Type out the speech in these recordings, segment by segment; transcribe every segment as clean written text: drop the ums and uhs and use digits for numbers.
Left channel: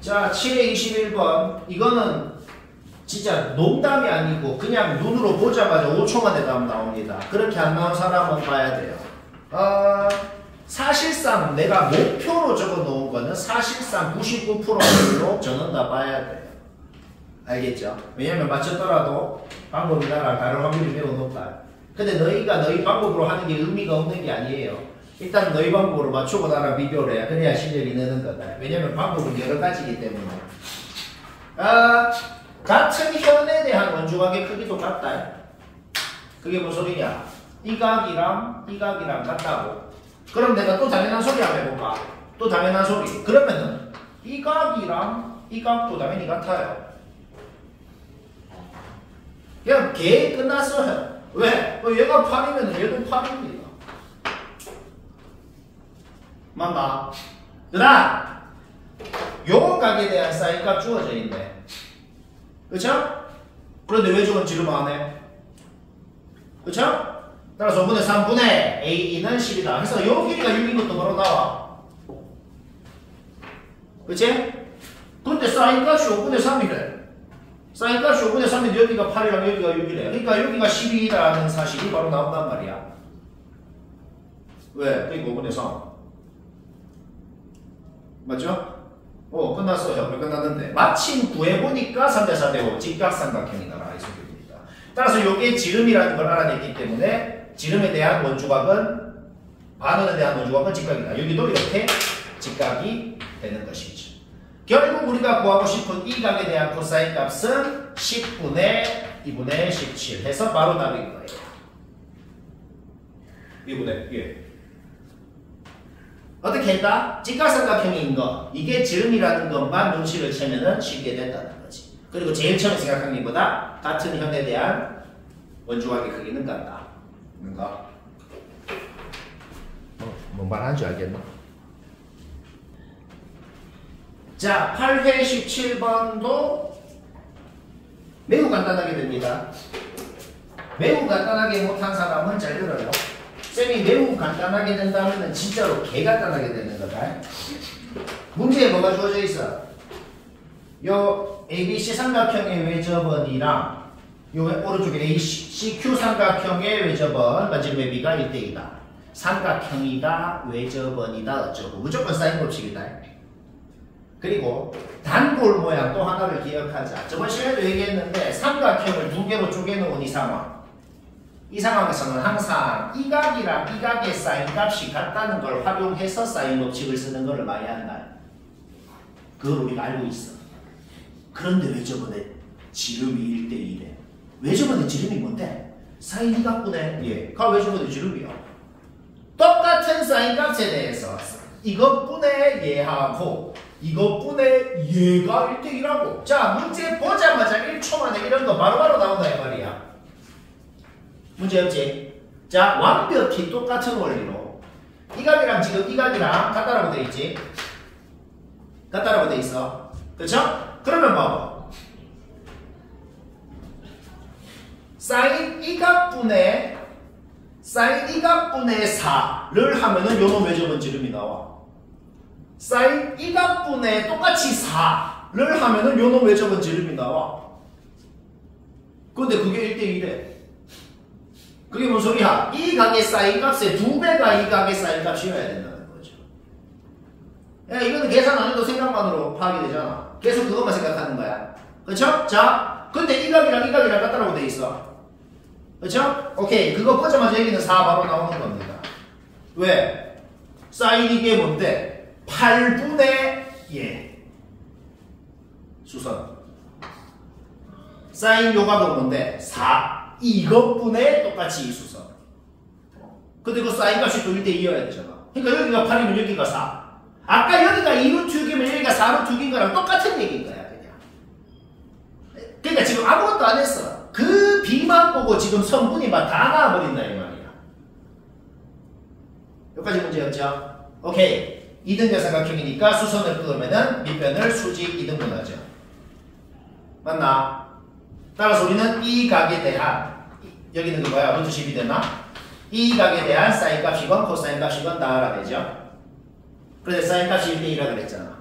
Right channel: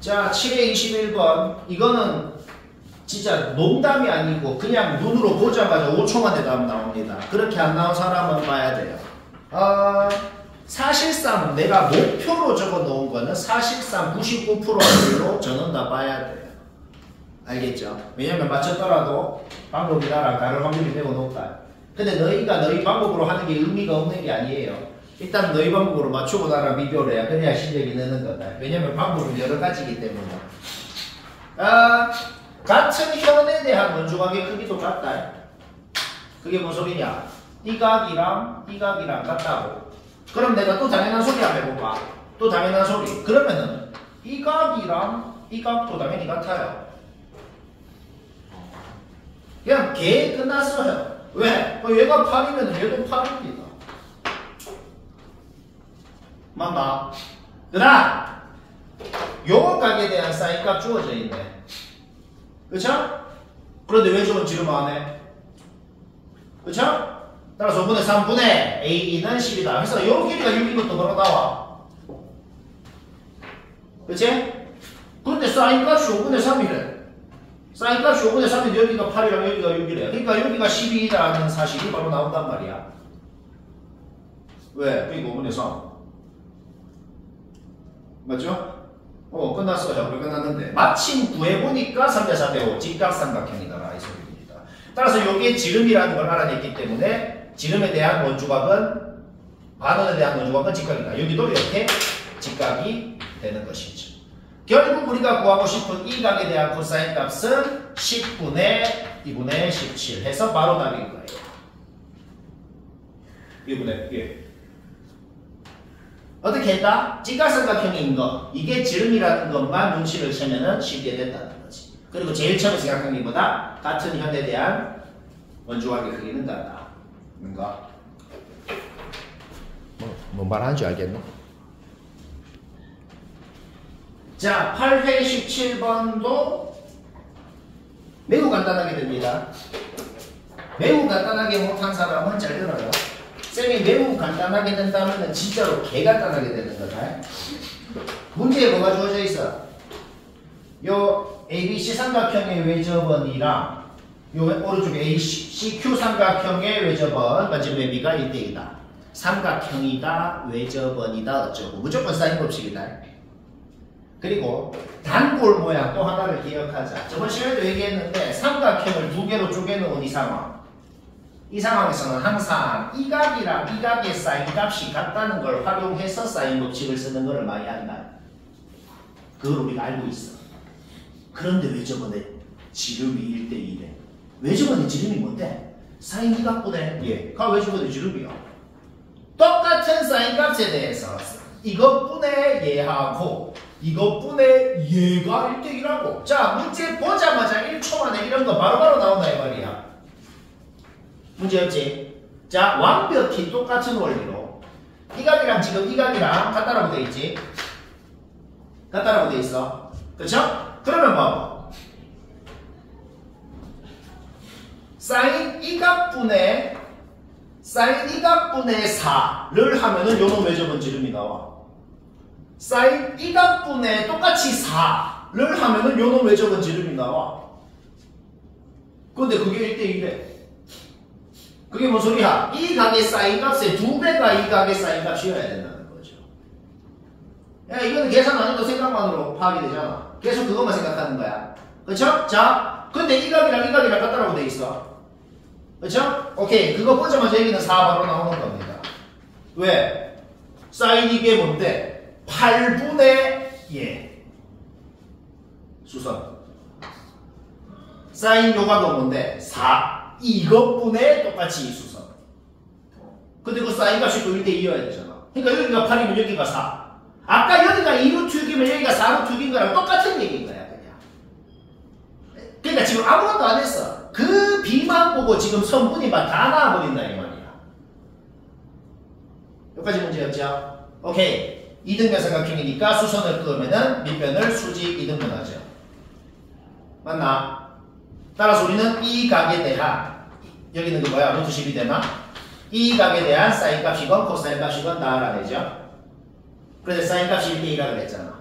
자, 721번. 이거는 진짜 농담이 아니고 그냥 눈으로 보자마자 5초 만에 답 나옵니다. 그렇게 안 나온 사람은 봐야 돼요. 사실상 내가 목표로 적어 놓은 거는 사실상 99%로 저는 다 봐야 돼요. 알겠죠? 왜냐면 맞췄더라도 방법이 나랑 다른 확률이 매우 높다. 근데 너희가 너희 방법으로 하는 게 의미가 없는 게 아니에요. 일단 너희 방법으로 맞추고 나랑 비교를 해야 그래야 실력이 느는 거다. 왜냐면 방법은 여러 가지이기 때문에. 같은 현에 대한 원주각의 크기도 같다. 그게 무슨 소리냐? 이 각이랑 이 각이랑 같다고. 그럼 내가 또 당연한 소리 한번 해볼까? 또 당연한 소리. 그러면은 이 각이랑 이 각도 당연히 같아요. 그냥 개 끝났어요. 왜? 얘가 8이면 얘도 8입니다. 맞나? 그다음 요 각에 대한 사인값 주어져 있네. 그쵸? 그런데 왜 저건 지름 안 해? 그쵸? 따라서 5분의 3분의 A는 10이다. 그래서 요 길이가 6인 것도 바로 나와. 그치? 그런데 사인값이 5분의 3이래. 사인값이 5분의 3인데 여기가 8이랑 여기가 6이래. 그러니까 여기가 12라는 사실이 바로 나온단 말이야. 왜? 그러니까 5분의 3. 맞죠? 끝났어요. 우리 끝났는데. 마침 구해보니까 3대 4대 5 직각삼각형이다. 이 소리입니다. 따라서 여기에 지름이라는 걸 알아냈기 때문에 지름에 대한 원주각은 반원에 대한 원주각은 직각이다. 여기도 이렇게 직각이 되는 것이죠. 결국 우리가 구하고 싶은 이 각에 대한 코사인 값은 10분의 2분의 17 해서 바로 답인 거예요. 2분의 1. 어떻게 할까? 직각삼각형인 거, 이게 지름이라는 것만 눈치를 채면은 쉽게 된다는 거지. 그리고 제일 처음에 생각한 것보다 같은 현에 대한 원주각의 크기는 같다. 뭔가? 뭔 말하는지 알겠나? 자, 8회 17번도 매우 간단하게 됩니다. 매우 간단하게 못한 사람은 잘 들어요. 쌤이 매우 간단하게 된다면 진짜로 개간단하게 되는 거다. 문제에 뭐가 주어져 있어? 요 ABC 삼각형의 외접원이랑 요 오른쪽에 ACQ 삼각형의 외접원 반지름의 비가 1대2다. 삼각형이다, 외접원이다, 어쩌고. 무조건 사인 법칙이다. 그리고 단골 모양 또 하나를 기억하자. 저번 시간에도 얘기했는데 삼각형을 두 개로 쪼개놓은 이 상황. 이 상황에서는 항상 이 각이랑 이 각의 사인 값이 같다는 걸 활용해서 사인 법칙을 쓰는 것을 많이 한다. 그걸 우리가 알고 있어. 그런데 왜 저번에 지름이 1대2래? 왜 저번에 지름이 뭔데? 사인 이 각분의 얘가 왜 저번에 지름이야? 똑같은 사인 값에 대해서 이것분의 얘하고 이것분의 얘가 1대1라고. 자, 문제 보자마자 1초 만에 이런 거 바로바로 나온다 이 말이야. 문제 없지? 자, 완벽히 똑같은 원리로 이 각이랑 지금 이 각이랑 같다라고 돼 있지? 같다라고 돼 있어. 그렇죠? 그러면 봐봐. 사인 이 각분의 4를 하면은 요놈 외접은 지름이 나와. 사인 이 각분의 똑같이 4를 하면은 요놈 외접은 지름이 나와. 근데 그게 1대1래. 그게 뭔 소리야? 이 각의 사인 값의 2배가 이 각의 사인 값이어야 된다는 거죠. 야, 이거는 계산 안 해도 생각만으로 파악이 되잖아. 계속 그것만 생각하는 거야. 그쵸? 자, 근데 이 각이랑 이 각이랑 같다라고 돼 있어. 그쵸? 오케이. 그거 보자마자 여기는 4 바로 나오는 겁니다. 왜? 사인 이게 뭔데? 8분의 얘. 수선. 사인 요각은 뭔데? 4. 이것분의 똑같이 이 수선. 근데 그 사인 값이 또 1대2여야 되잖아. 그러니까 여기가 8이면 여기가 4. 아까 여기가 2루트 6이면 여기가 4루트 6인 거랑 똑같은 얘기인 거야, 그냥. 그러니까 지금 아무것도 안 했어. 그 B만 보고 지금 선분이 막 다 나와버린다, 이 말이야. 여기까지 문제였죠? 오케이. 2등변 삼각형이니까 수선을 끄으면은 밑변을 수직 2등분하죠. 맞나? 따라서 우리는 이 각에 대한, 여기는 그 뭐야? 루트 10이 되나? 이 각에 대한 사인 값이건 코사인 값이건 다 알아내죠. 그런데 사인 값이 1대2라 그랬잖아.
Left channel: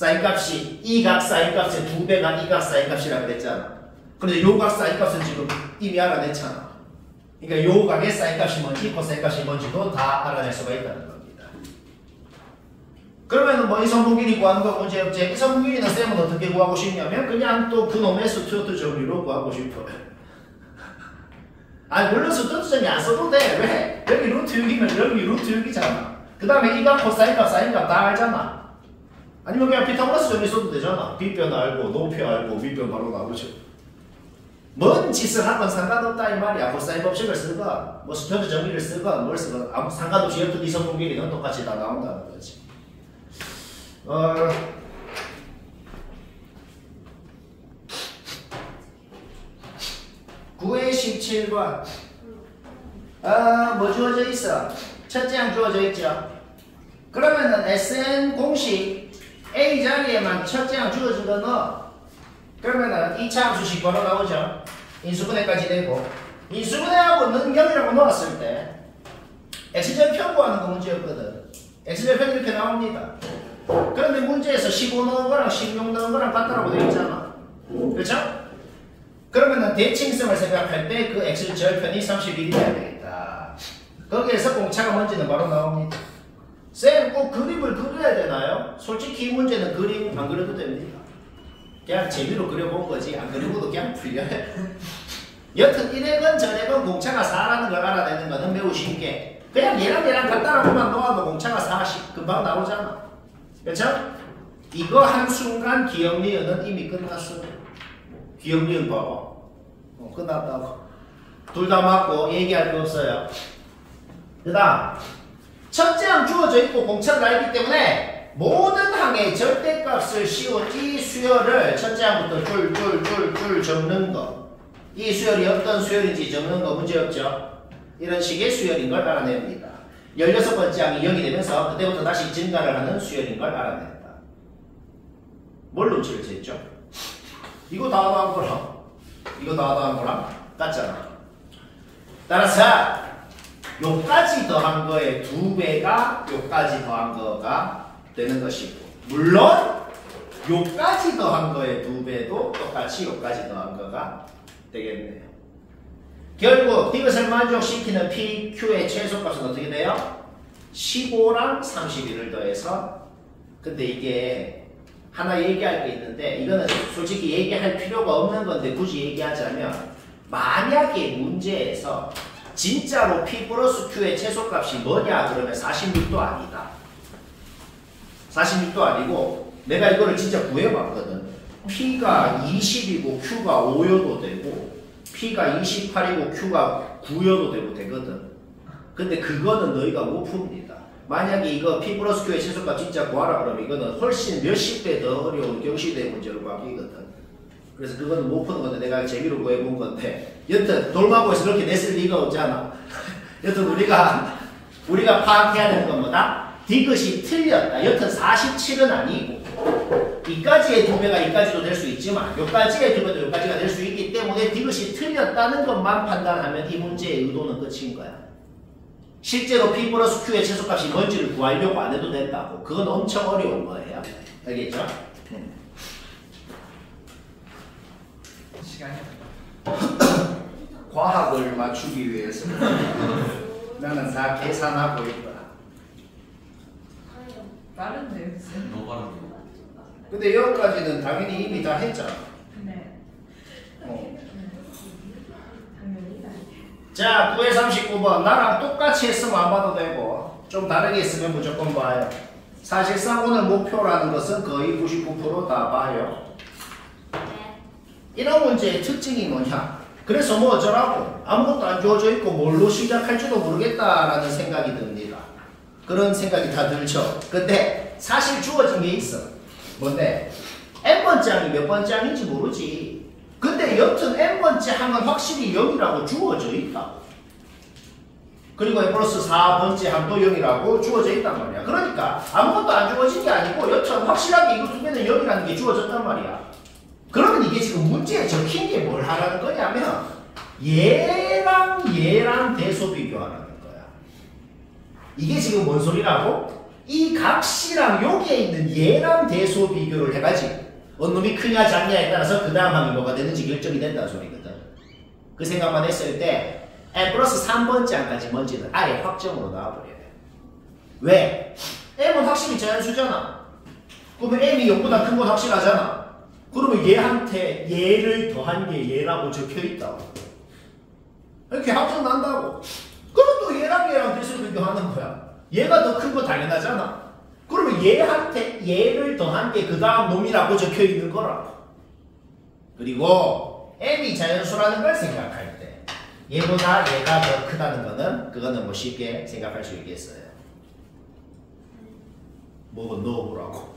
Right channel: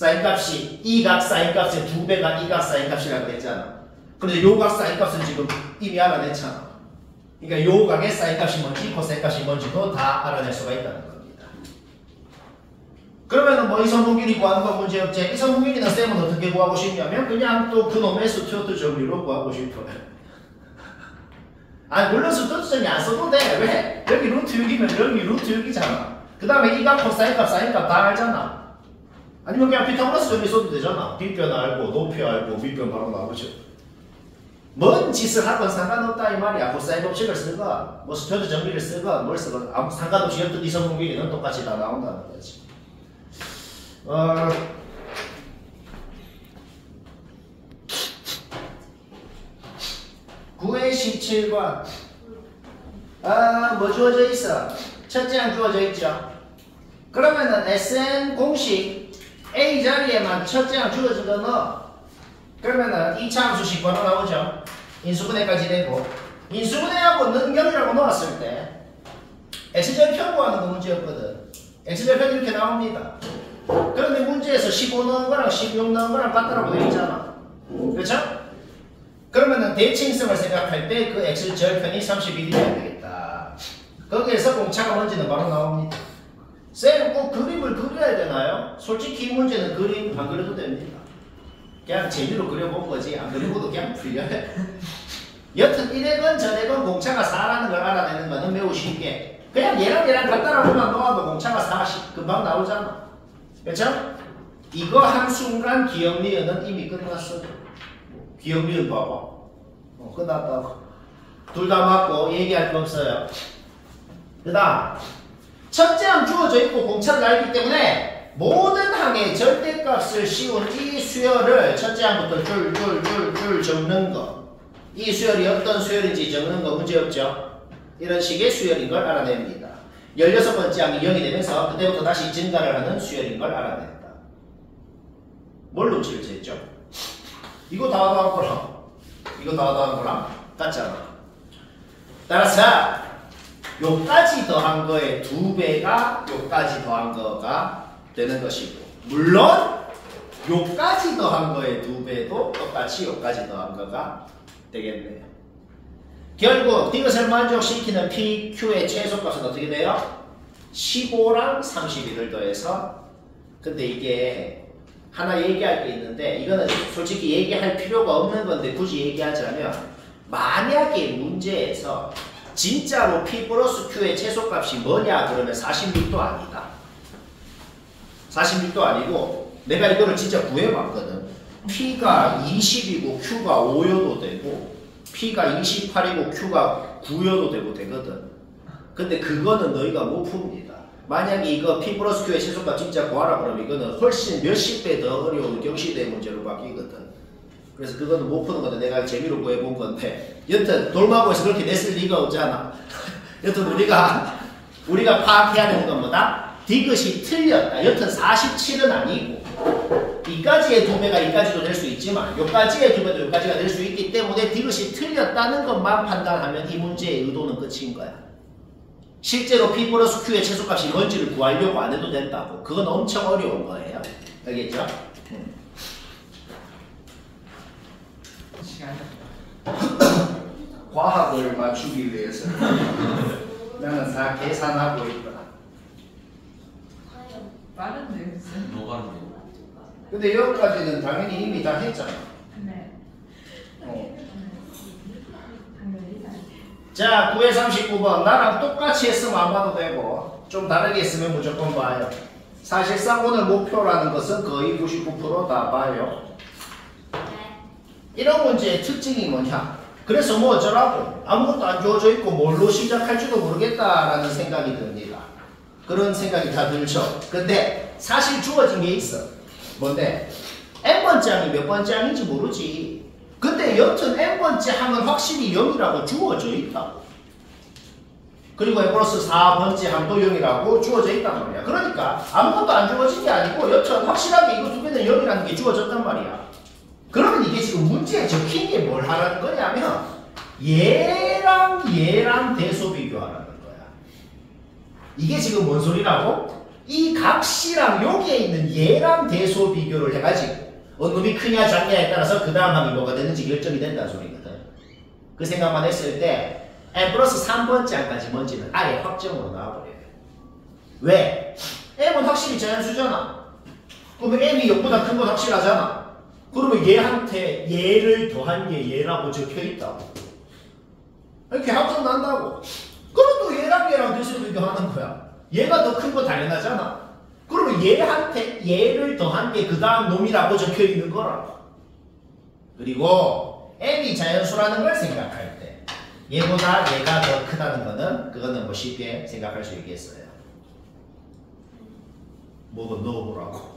사인값이 이 각 사인값의 2배가 이 각 사인값이라고 했잖아. 그런데 요 각 사인값은 지금 이미 알아냈잖아. 그러니까 요 각의 사인값이 뭔지 코사인값이 뭔지도 다 알아낼 수가 있다는 겁니다. 그러면은 뭐 이성분길이 구하는 거 문제 없지. 이성분길이는 쌤은 어떻게 구하고 싶냐면 그냥 또 그놈의 스튜어트 정리로 구하고 싶어요. 아니 물론 스튜어트 정리 안 써도 돼. 왜? 여기 루트 6이면 여기 루트 6이잖아. 그 다음에 이 각 코사인값 사인값 다 알잖아. 아니면 그냥 피타고라스 정리 써도 되잖아. 뒷변 알고 높이 알고 윗변 바로 나오죠. 뭔 짓을 하건 상관없다 이 말이야. 코사인 법칙을 쓰건 뭐 스튜어트 정리를 쓰건 뭘 쓰건 아무 상관없이 어떤 이성분길이는 똑같이 다 나온다는 거지. 9의 17번 뭐 주어져 있어? 첫째 항 주어져 있죠. 그러면은 SN 공식 A 자리에만 첫째 항 주어진 거 넣어. 그러면은 2차 함수식 바로 나오죠. 인수분해까지 되고 인수분해하고 능경이라고 넣었을 때 X절편 구하는 거 문제였거든. X절편 이렇게 나옵니다. 그런데 문제에서 15 넣은 거랑 16 넣은 거랑 같다라고 되어 있잖아. 그렇죠? 그러면은 대칭성을 생각할 때 그 X절편이 31이 돼야 되겠다. 거기에서 공차가 뭔지는 바로 나옵니다. 쌤 꼭 그림을 그려야 되나요? 솔직히 이 문제는 그림 안 그려도 됩니다. 그냥 재미로 그려본 거지 안 그리고도 그냥 풀려요. 여튼 이래건 저래건 공차가 4라는 걸 알아내는 거는 매우 쉽게 그냥 얘랑 같다라고만 놓아도 공차가 4 금방 나오잖아. 그렇죠? 이거 한순간 기억리은은 이미 끝났어. 기억리은 봐봐. 끝났다고. 둘 다 맞고 얘기할 거 없어요. 그 다음 첫째 항 주어져 있고 공차를 알기 때문에 모든 항의 절대값을 씌운 이 수열을 첫째 항부터 줄 적는 거. 이 수열이 어떤 수열인지 적는 거 문제없죠. 이런 식의 수열인 걸 알아냅니다. 16번째 항이 0이 되면서 그때부터 다시 증가를 하는 수열인 걸 알아낸다. 뭘 눈치를 챘죠? 이거 다 더한 거랑 이거 다 더한 거랑 같잖아. 따라서 요까지 더한 거의 2배가 요까지 더한 거가 되는 것이고 물론 요까지 더한 거의 2배도 똑같이 요까지 더한 거가 되겠네요. 결국 이것을 만족시키는 PQ의 최소값은 어떻게 돼요? 15랑 31을 더해서 근데 이게 하나 얘기할 게 있는데 이거는 솔직히 얘기할 필요가 없는 건데 굳이 얘기하자면 만약에 문제에서 진짜로 P 플러스 Q의 최소값이 뭐냐 그러면 46도 아니다. 46도 아니고 내가 이거를 진짜 구해봤거든. P가 20이고 Q가 5여도 되고 P가 28이고 Q가 9여도 되고 되거든. 근데 그거는 너희가 못 풉니다. 만약에 이거 P 플러스 Q의 최소값 진짜 구하라 그러면 이거는 훨씬 몇십 배 더 어려운 경시대 문제로 바뀌거든. 그래서 그거는 못 푸는 건데 내가 재미로 구해본 건데 여튼 돌마고에서 그렇게 냈을 리가 없잖아. 여튼 우리가 파악해야 되는 건 뭐다? 디귿이 틀렸다. 여튼 47은 아니고 이까지의 2배가 이까지도 될 수 있지만 요까지의 2배도 요까지가 될 수 있기 때문에 디귿이 틀렸다는 것만 판단하면 이 문제의 의도는 끝인 거야. 실제로 P 플러스 Q의 최소값이 뭔지를 구하려고 안 해도 된다고. 그건 엄청 어려운 거예요. 알겠죠? 과학을 맞추기 위해서 나는 다 계산하고 있거나. 빠른데요? 너무 빠른데. 근데 여기까지는 당연히 이미 다 했잖아. 네. 자, 9회 39번. 나랑 똑같이 했으면 안 봐도 되고 좀 다르게 했으면 무조건 봐요. 사실상 오늘 목표라는 것은 거의 99%다 봐요. 이런 문제의 특징이 뭐냐? 그래서 뭐 어쩌라고? 아무것도 안 주어져 있고 뭘로 시작할지도 모르겠다라는 생각이 듭니다. 그런 생각이 다 들죠. 근데 사실 주어진 게 있어. 뭔데? n번째 항이 몇 번째 항인지 모르지. 근데 여튼 n번째 항은 확실히 0이라고 주어져 있다. 그리고 n 플러스 4번째 항도 0이라고 주어져 있단 말이야. 그러니까 아무것도 안 주어진 게 아니고 여튼 확실하게 이거 두 개는 0이라는 게 주어졌단 말이야. 그러면 이게 지금 문제에 적힌 게 뭘 하라는 거냐면 얘랑 대소 비교하라는 거야. 이게 지금 뭔 소리라고? 이 값이랑 여기에 있는 얘랑 대소 비교를 해가지고 어느 놈이 크냐 작냐에 따라서 그 다음 항이 뭐가 되는지 결정이 된다는 소리거든. 그 생각만 했을 때 n 플러스 3번째 항까지 뭔지는 아예 확정으로 나와버려야 돼. 왜? m은 확실히 자연수잖아. 그러면 m이 0보다 큰 건 확실하잖아. 그러면 얘한테 얘를 더한 게 얘라고 적혀있다고. 이렇게 확정 난다고. 그럼 또 얘랑 대소 비교하는 거야. 얘가 더 큰 거 당연하잖아. 그러면 얘한테 얘를 더한 게 그 다음 놈이라고 적혀 있는 거라고. 그리고 n이 자연수라는 걸 생각할 때 얘보다 얘가 더 크다는 거는 그거는 뭐 쉽게 생각할 수 있겠어요. 뭐고 넣어보라고.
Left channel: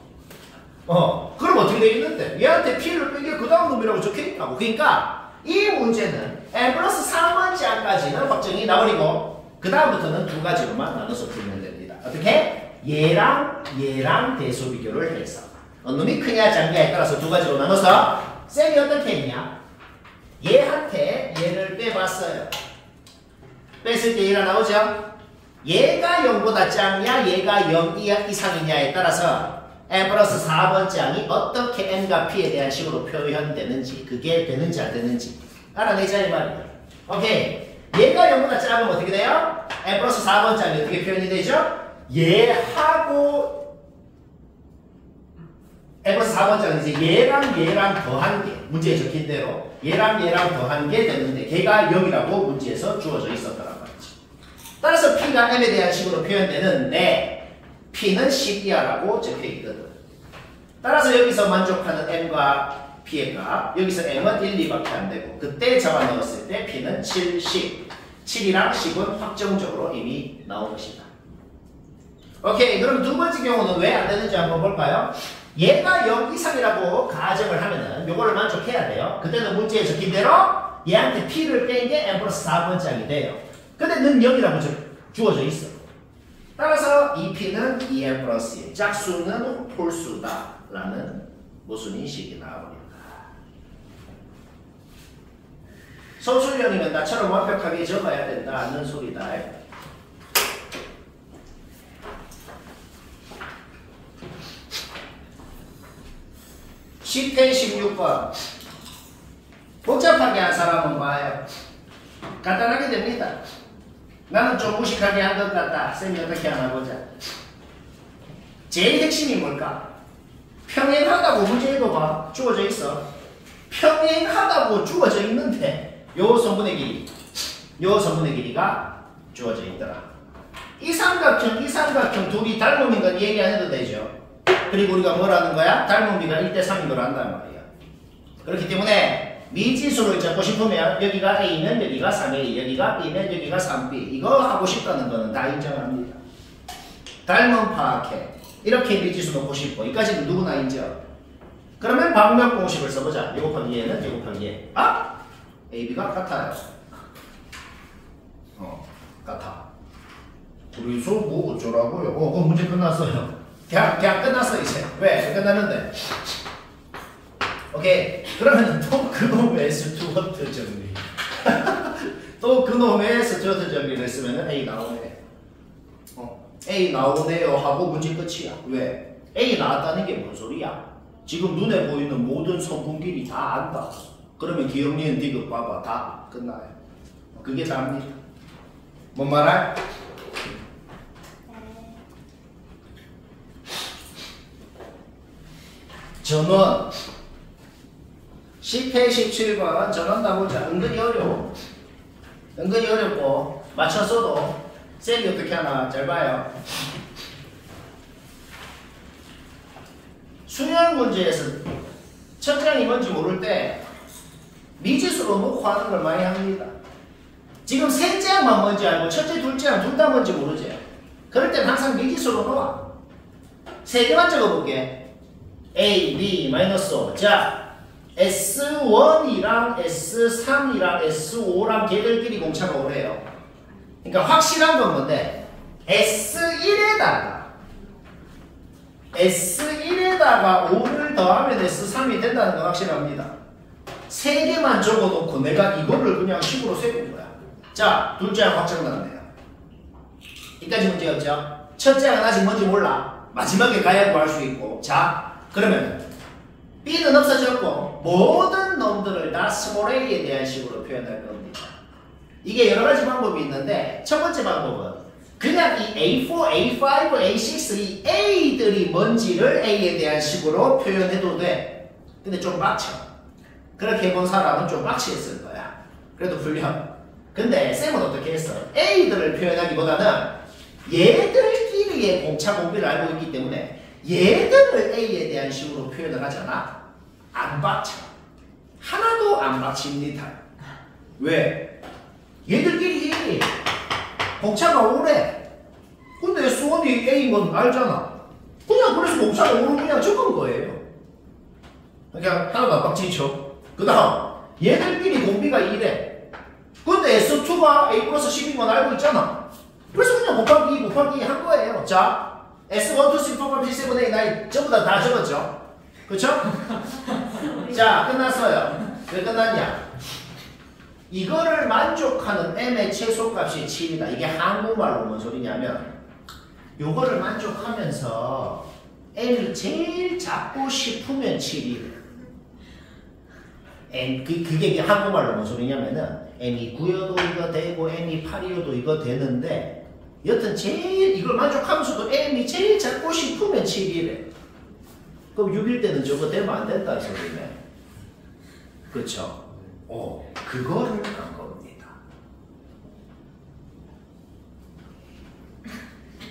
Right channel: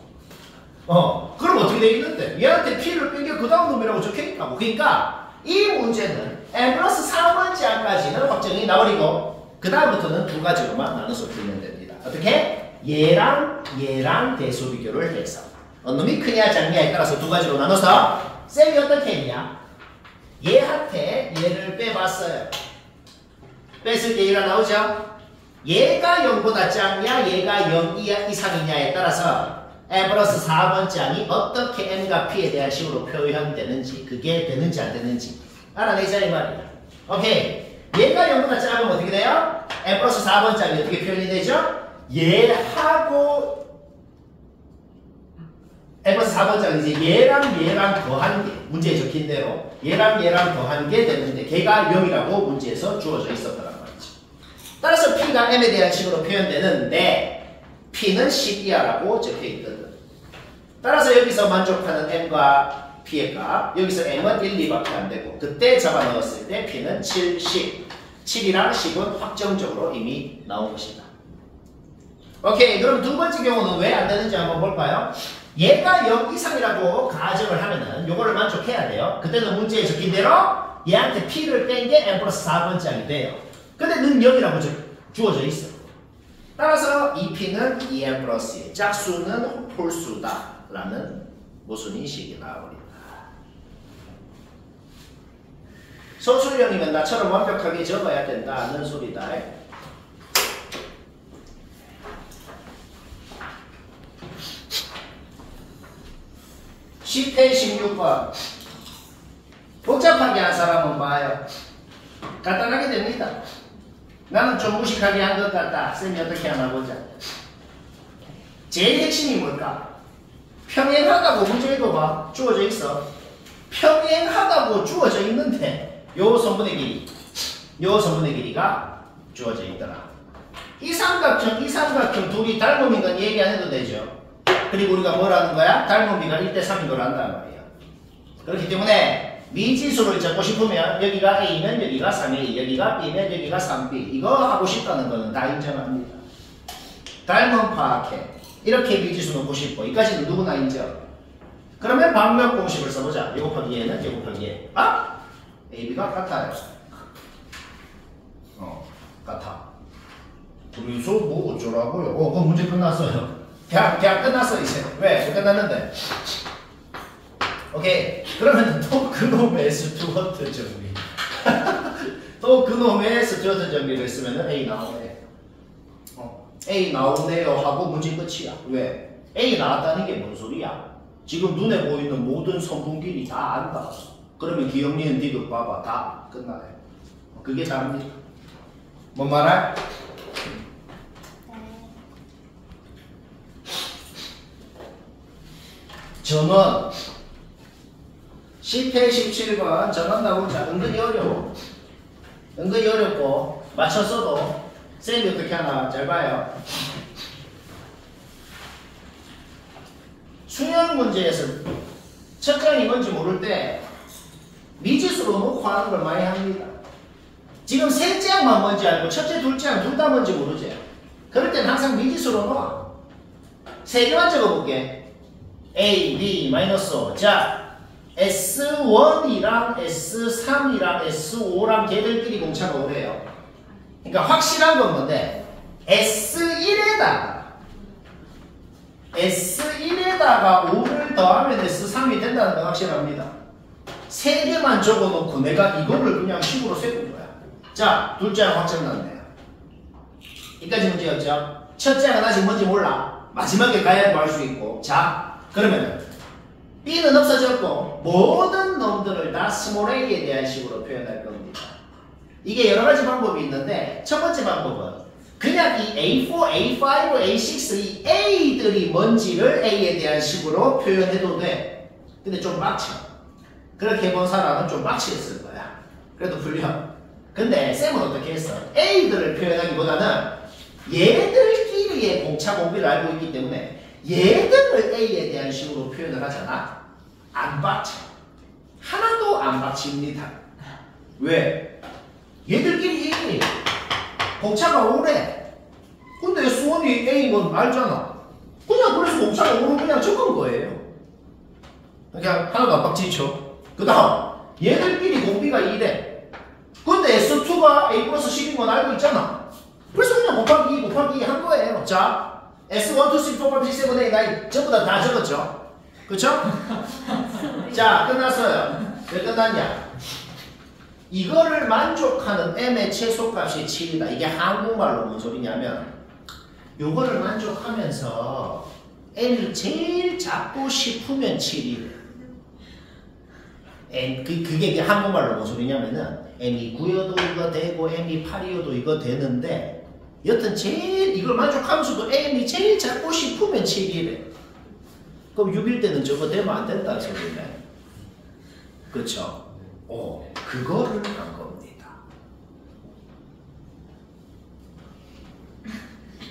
그럼 어떻게 돼 있는데? 얘한테 p를 뺀 게 그 다음 놈이라고 적혀 있다고. 그러니까 이 문제는 n 플러스 3번째 항까지는 확정이 나버리고 그 다음부터는 두 가지로만 나눠서 풀면 됩니다. 어떻게? 얘랑 대소 비교를 해서 어느 놈이 크냐 작냐에 따라서 두 가지로 나눠서 쌤이 어떻게 했냐? 얘한테 얘를 빼봤어요. 뺐을 때 얘가 나오죠? 얘가 0보다 작냐 얘가 0 이상이냐에 따라서 n 플러스 4번째 항이 어떻게 n과 p에 대한 식으로 표현되는지 그게 되는지 안 되는지 알아내자 이 말이야. 오케이. 얘가 0보다 작으면 어떻게 돼요? n 플러스 4번째 항이 어떻게 표현이 되죠? 얘하고 n 플러스 4번째는 이제 얘랑 더한 게 문제에 적힌 대로 얘랑 더한 게 되는데 걔가 0이라고 문제에서 주어져 있었더란 말이죠. 따라서 p가 m에 대한 식으로 표현되는데 p는 10이야라고 적혀 있거든. 따라서 여기서 만족하는 m과 p의 값 여기서 m은 1, 2밖에 안 되고 그때 잡아 넣었을 때 p는 7, 10 7이랑 10은 확정적으로 이미 나온 것이다. 오케이. 그럼 두 번째 경우는 왜 안 되는지 한번 볼까요? 얘가 0 이상이라고 가정을 하면은 요거를 만족해야 돼요. 그때는 문제에 적힌 대로 얘한테 p를 뺀 게 n 플러스 4번째 항이 돼요. 근데 는 0이라고 주어져 있어. 따라서 이 p는 2n 플러스 1 짝수는 홀수다 라는 무슨 인식이 나와버린다. 소수령이면 나처럼 완벽하게 적어야 된다는 소리다. 10회 16번 복잡하게 한 사람은 봐요. 간단하게 됩니다. 나는 좀 무식하게 한 것 같다. 쌤이 어떻게 하나 보자. 제일 핵심이 뭘까? 평행하다고 문제 읽어봐. 주어져 있어. 평행하다고 주어져 있는데 요 성분의 길이가 주어져 있더라. 이 삼각형 둘이 닮음인 건 얘기 안 해도 되죠. 그리고 우리가 뭐라는 거야? 닮음비가 1대3인 걸 안단 말이야. 그렇기 때문에 미지수를 잡고 싶으면 여기가 A면 여기가 3A, 여기가 B면 여기가 3B. 이거 하고 싶다는 거는 다 인정합니다. 닮음 파악해. 이렇게 미지수 놓고 싶고 이까지는 누구나 인정. 그러면 방면 공식을 써보자. 요거 곱하기 얘는 요거 곱하기 얘. 아? A, B가 같아요. 같아. 그래서 뭐 어쩌라고요? 그 문제 끝났어요. 그냥 끝났어 이제. 왜 끝났는데? 오케이. 그러면 또 그놈의 스튜어트 정리. 또 그놈의 스튜어트 정리를 쓰면 A 나오네. A 나오네요 하고 문제 끝이야. 왜? A 나왔다는 게 뭔 소리야? 지금 눈에 보이는 모든 성분끼리 다 안다. 그러면 기억니은 디귿 봐봐. 다 끝나요. 그게 답니다. 뭔 말할? 전원 10회 17번 전원 나오자. 은근히 어려워. 은근히 어렵고 맞췄어도 쌤이 어떻게 하나 잘 봐요. 수능 문제에서 첫 장이 뭔지 모를 때 미지수로 놓고 하는 걸 많이 합니다. 지금 셋째 항만 뭔지 알고 첫째, 둘째 항 둘 다 뭔지 모르지. 그럴 때는 항상 미지수로 놓아. 세 개만 적어볼게. A, B, -5. 자, S1이랑 S3이랑 S5랑 걔들끼리 공차가 오래요. 그러니까 확실한 건 뭔데? S1에다가 5를 더하면 S3이 된다는 건 확실합니다. 세 개만 적어놓고 내가 이거를 그냥 식으로 세운 거야. 자, 둘째 항 확정 났네요. 여기까지 문제였죠? 첫째 항은 아직 뭔지 몰라. 마지막에 가야 구할 수 있고. 자, 그러면 B는 없어졌고 모든 놈들을 다 스몰 a에 대한 식으로 표현할 겁니다. 이게 여러 가지 방법이 있는데 첫 번째 방법은 그냥 이 A4, A5, A6 이 A들이 뭔지를 A에 대한 식으로 표현해도 돼. 근데 좀 빡쳐. 그렇게 해본 사람은 좀 빡치겠을 거야. 그래도 불려. 근데 쌤은 어떻게 했어? A들을 표현하기보다는 얘들끼리의 공차 공비를 알고 있기 때문에 얘들을 A에 대한 식으로 표현을 하잖아. 안 빡쳐. 하나도 안 빡칩니다. 왜? 얘들끼리 공차가 오래. 근데 S1이 A인 건 알잖아. 그냥 그래서 공차가 오른 그냥 적은 거예요. 그냥 하나도 안 빡치죠. 그 다음 얘들끼리 공비가 2래. 근데 S2가 A 플러스 10인 건 알고 있잖아. 그래서 그냥 곱하기 2 곱하기 2 한 거예요. 자, S1, 2, 3, 4, 5, 6, 7, 8, 9 전부 다 적었죠? 그쵸? 자, 끝났어요. 왜 끝났냐? 이거를 만족하는 m의 최소값이 7이다. 이게 한국말로 뭔 소리냐면 요거를 만족하면서 m이 제일 작고 싶으면 7이래. 그게 한국말로 뭔 소리냐면은 m이 9여도 이거 되고 m이 8이어도 이거 되는데 여튼 제일 이걸 만족하면서도 m이 제일 작고 싶으면 7이래. 그럼 6일 때는 저거 되면 안 된다는 소리네. 그쵸? 그거를 한 겁니다.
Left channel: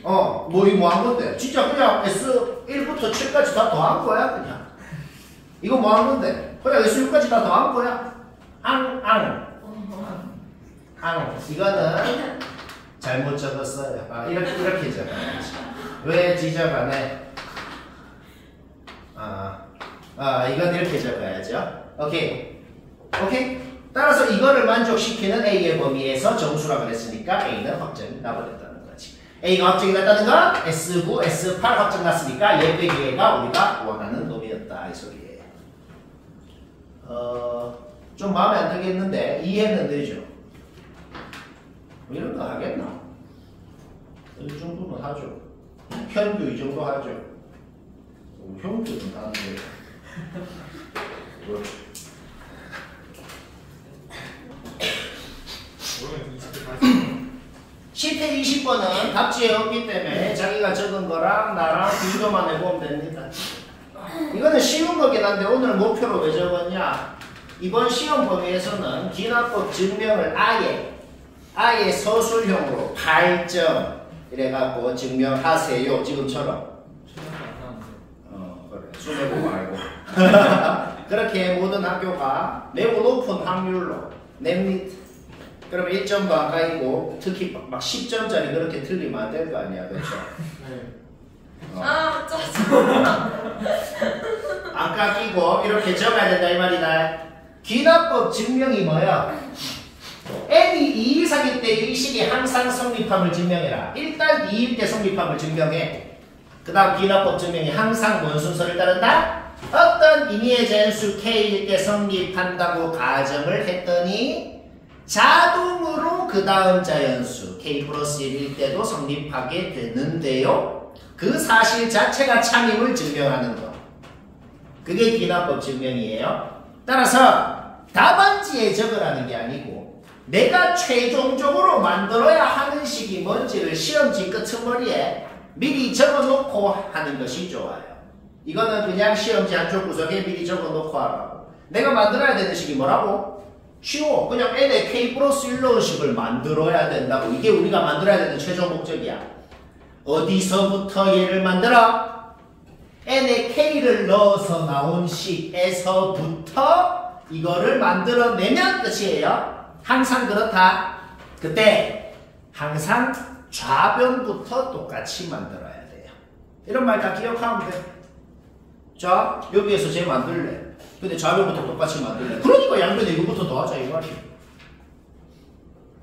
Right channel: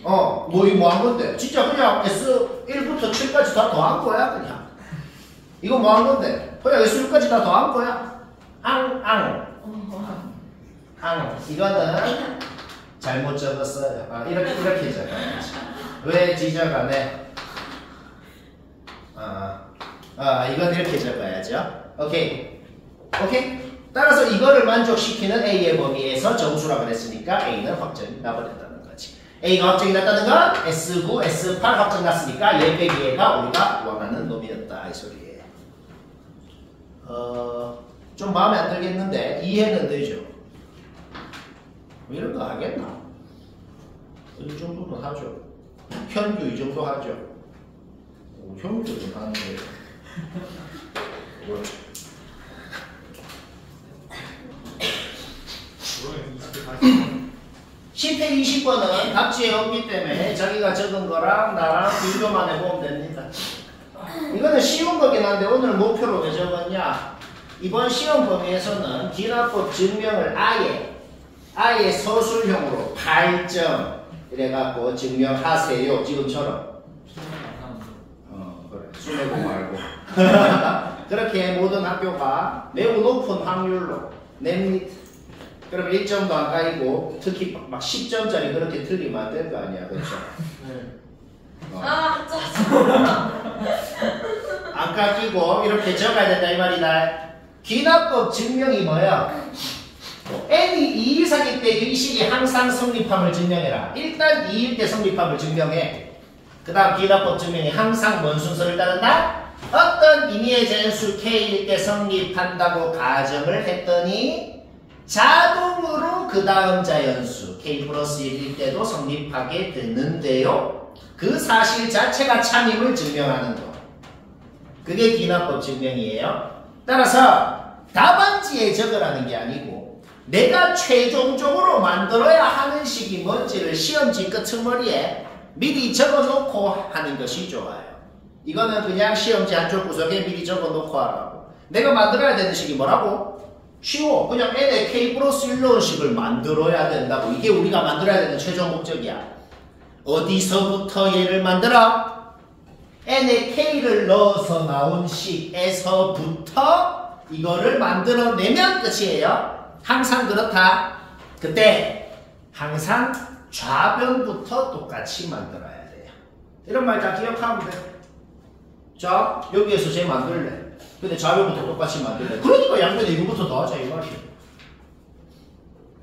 뭐 한 건데? 진짜 그냥 S1부터 7까지 다 더한 거야, 그냥. 이거 뭐 한 건데? 그냥 S6까지 다 더한 거야. 이거는 잘못 적었어요. 이렇게 적어야지. 왜 지적하네? 이건 이렇게 적어야죠. 오케이. 따라서 이거를 만족시키는 A의 범위에서 정수라 그랬으니까 A는 확정이 나버렸다는 거지. A가 확정이 났다는 건 S9, S8 확정 났으니까 얘 빼기 얘가 우리가 원하는 놈이었다 이 소리예요. 좀 마음에 안 들겠는데 이해는 되죠? 이런 거 하겠나? 이 정도는 하죠. 현도 이 정도 하죠. 현도 좀 하는 거예요. 10회 20번은 답지에 없기 때문에 자기가 적은 거랑 나랑 비교만 해보면 됩니다. 이거는 쉬운 거긴 한데 오늘 목표로 왜 적었냐? 이번 시험 범위에서는 기납법 증명을 아예 서술형으로 8점 이래갖고 증명하세요. 지금처럼. 그래. 수내고 말고. 그렇게 모든 학교가 매우 높은 확률로 냅니다. 그러면 1점 가까이고 특히 막 10점짜리 그렇게 틀리면 안 될 거 아니야. 그렇죠? 짜증나. 안 깎이고 이렇게 적어야 된다 이 말이다. 기납법 증명이 뭐야? n이 2 이상일 때 이 식이 항상 성립함을 증명해라. 일단 2일 때 성립함을 증명해. 그 다음 기납법 증명이 항상 뭔 순서를 따른다? 어떤 임의의 전수 k일 때 성립한다고 가정을 했더니 자동으로 그 다음 자연수 k 플러스 1일 때도 성립하게 되는데요. 그 사실 자체가 참임을 증명하는 거. 그게 기납법 증명이에요. 따라서 답안지에 적으라는 게 아니고 내가 최종적으로 만들어야 하는 식이 뭔지를 시험지 끄트머리에 미리 적어놓고 하는 것이 좋아요. 이거는 그냥 시험지 한쪽 구석에 미리 적어놓고 하라고. 내가 만들어야 되는 식이 뭐라고? 쉬워. 그냥 n의 k 플러스 1 넣은 식을 만들어야 된다고. 이게 우리가 만들어야 되는 최종 목적이야. 어디서부터 얘를 만들어? n의 k를 넣어서 나온 식에서부터 이거를 만들어내면 끝이에요. 항상 그렇다. 그때 항상 좌변부터 똑같이 만들어야 돼요. 이런 말 다 기억하면 돼. 자, 여기에서 쟤 만들래. 근데 좌변부터 똑같이 만들래. 그러니까 양변 이거부터 더하자 이 말이에요.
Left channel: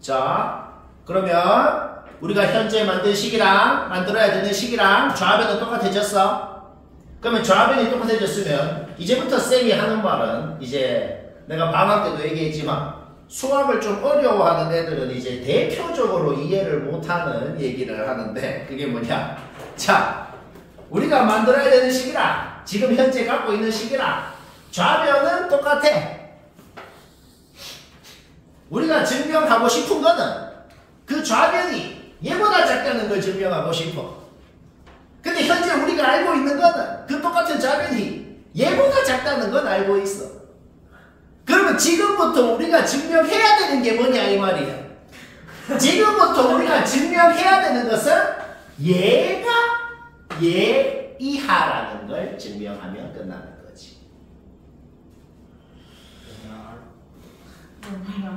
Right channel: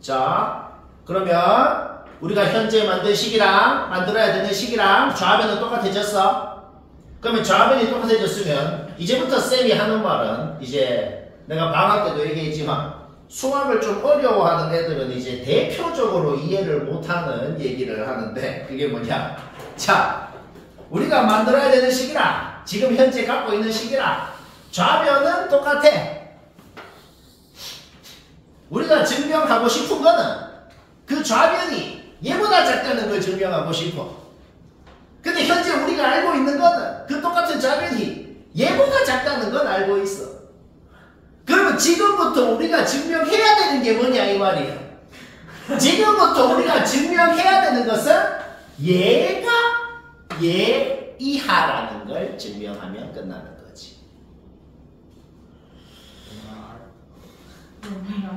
자, 그러면 우리가 현재 만든 식이랑 만들어야 되는 식이랑 좌변은 똑같아졌어. 그러면 좌변이 똑같아졌으면 이제부터 쌤이 하는 말은 이제 내가 방학 때도 얘기했지만 수학을 좀 어려워하는 애들은 이제 대표적으로 이해를 못하는 얘기를 하는데 그게 뭐냐? 자, 우리가 만들어야 되는 식이라 지금 현재 갖고 있는 식이라 좌변은 똑같아. 우리가 증명하고 싶은 거는 그 좌변이 얘보다 작다는 걸 증명하고 싶어. 근데 현재 우리가 알고 있는 거는 그 똑같은 좌변이 얘보다 작다는 건 알고 있어. 그러면 지금부터 우리가 증명해야 되는 게 뭐냐 이 말이야. 지금부터 우리가 증명해야 되는 것은 얘가 얘 이하라는 걸 증명하면 끝나는 거지.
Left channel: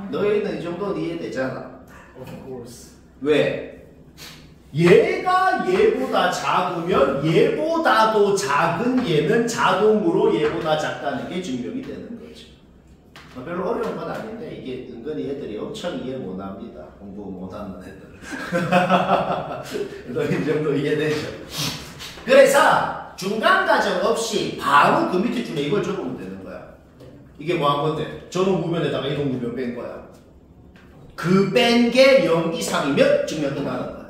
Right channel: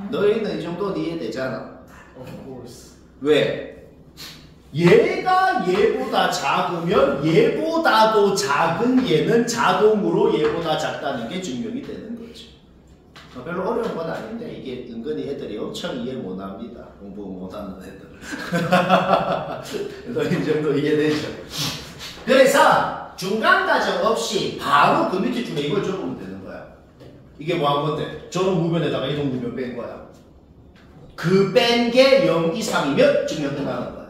너희는 이 정도는 이해되잖아. 왜? 얘가 얘보다 작으면 얘보다도 작은 얘는 자동으로 얘보다 작다는 게 증명이 되는 거죠. 별로 어려운 건 아닌데 이게 은근히 애들이 엄청 이해 못합니다. 공부 못하는 애들. 너희 이 정도 이해되죠? 그래서 중간 과정 없이 바로 그 밑에 중에 이걸 적으면 되는 거야. 이게 뭐 한 건데? 전원무변에다가 이동무변 뺀 거야. 그 뺀 게 0 이상이면 증명 끝나는 거야.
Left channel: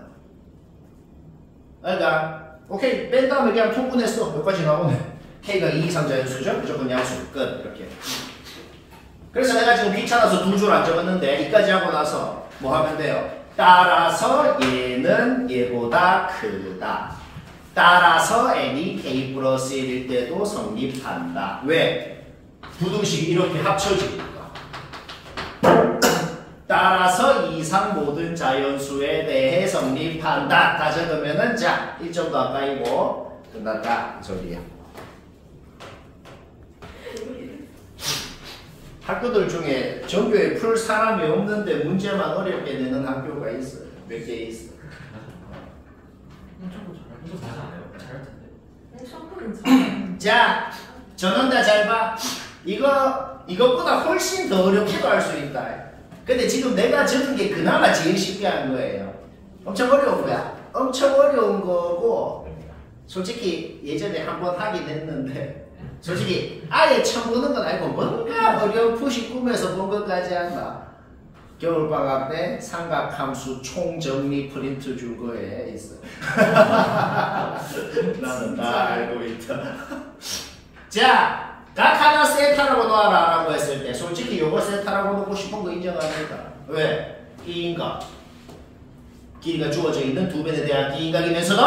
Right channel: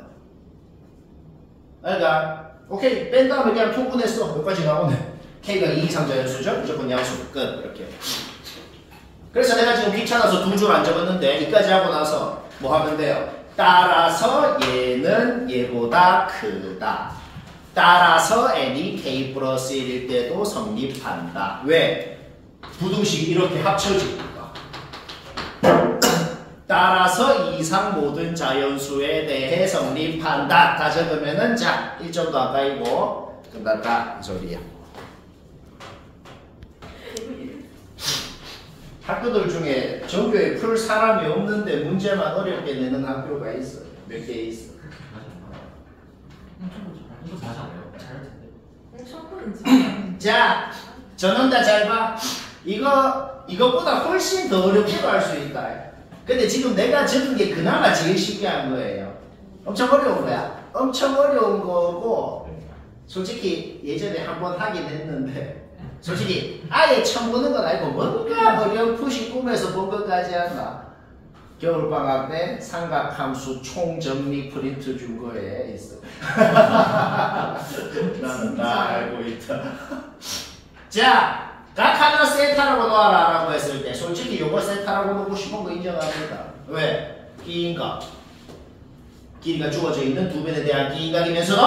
그러니까 오케이 뺀 다음에 그냥 통분했어. 여기까지 나오네. K가 2 이상 자연수죠? 무조건 양수. 끝. 이렇게. 그래서 내가 지금 귀찮아서 두 줄 안 적었는데 이까지 하고 나서 뭐 하면 돼요? 따라서 얘는 얘보다 크다. 따라서 n이 k 플러스 1일 때도 성립한다. 왜? 부등식이 이렇게 합쳐지니까. 따라서 이상 모든 자연수에 대해 성립한다. 다 적으면은 자 1점 더 가까이고 끝났다 이 소리야. 학교들 중에 전교에 풀 사람이 없는데 문제만 어렵게 내는 학교가 있어요. 몇 개 있어. 자, 전원다 잘 봐. 이거보다 훨씬 더 어렵기도 할 수 있다. 근데 지금 내가 적은 게 그나마 제일 쉽게 한 거예요. 엄청 어려운 거야. 엄청 어려운 거고, 솔직히 예전에 한번 하긴 했는데, 솔직히 아예 처음 보는 건 아니고 뭔가 어렴풋이 꿈에서 본 것까지 한다. 겨울방학 때 삼각함수 총정리 프린트 준 거에 있어. 나는 다 알고 있다. 자, 각 하나 세타라고 놓아라 라고 했을 때 솔직히 요거 세타라고 놓고 싶은 거 인정합니다. 왜? 기인각. 길이가 주어져 있는 두 변에 대한 기인각이면서도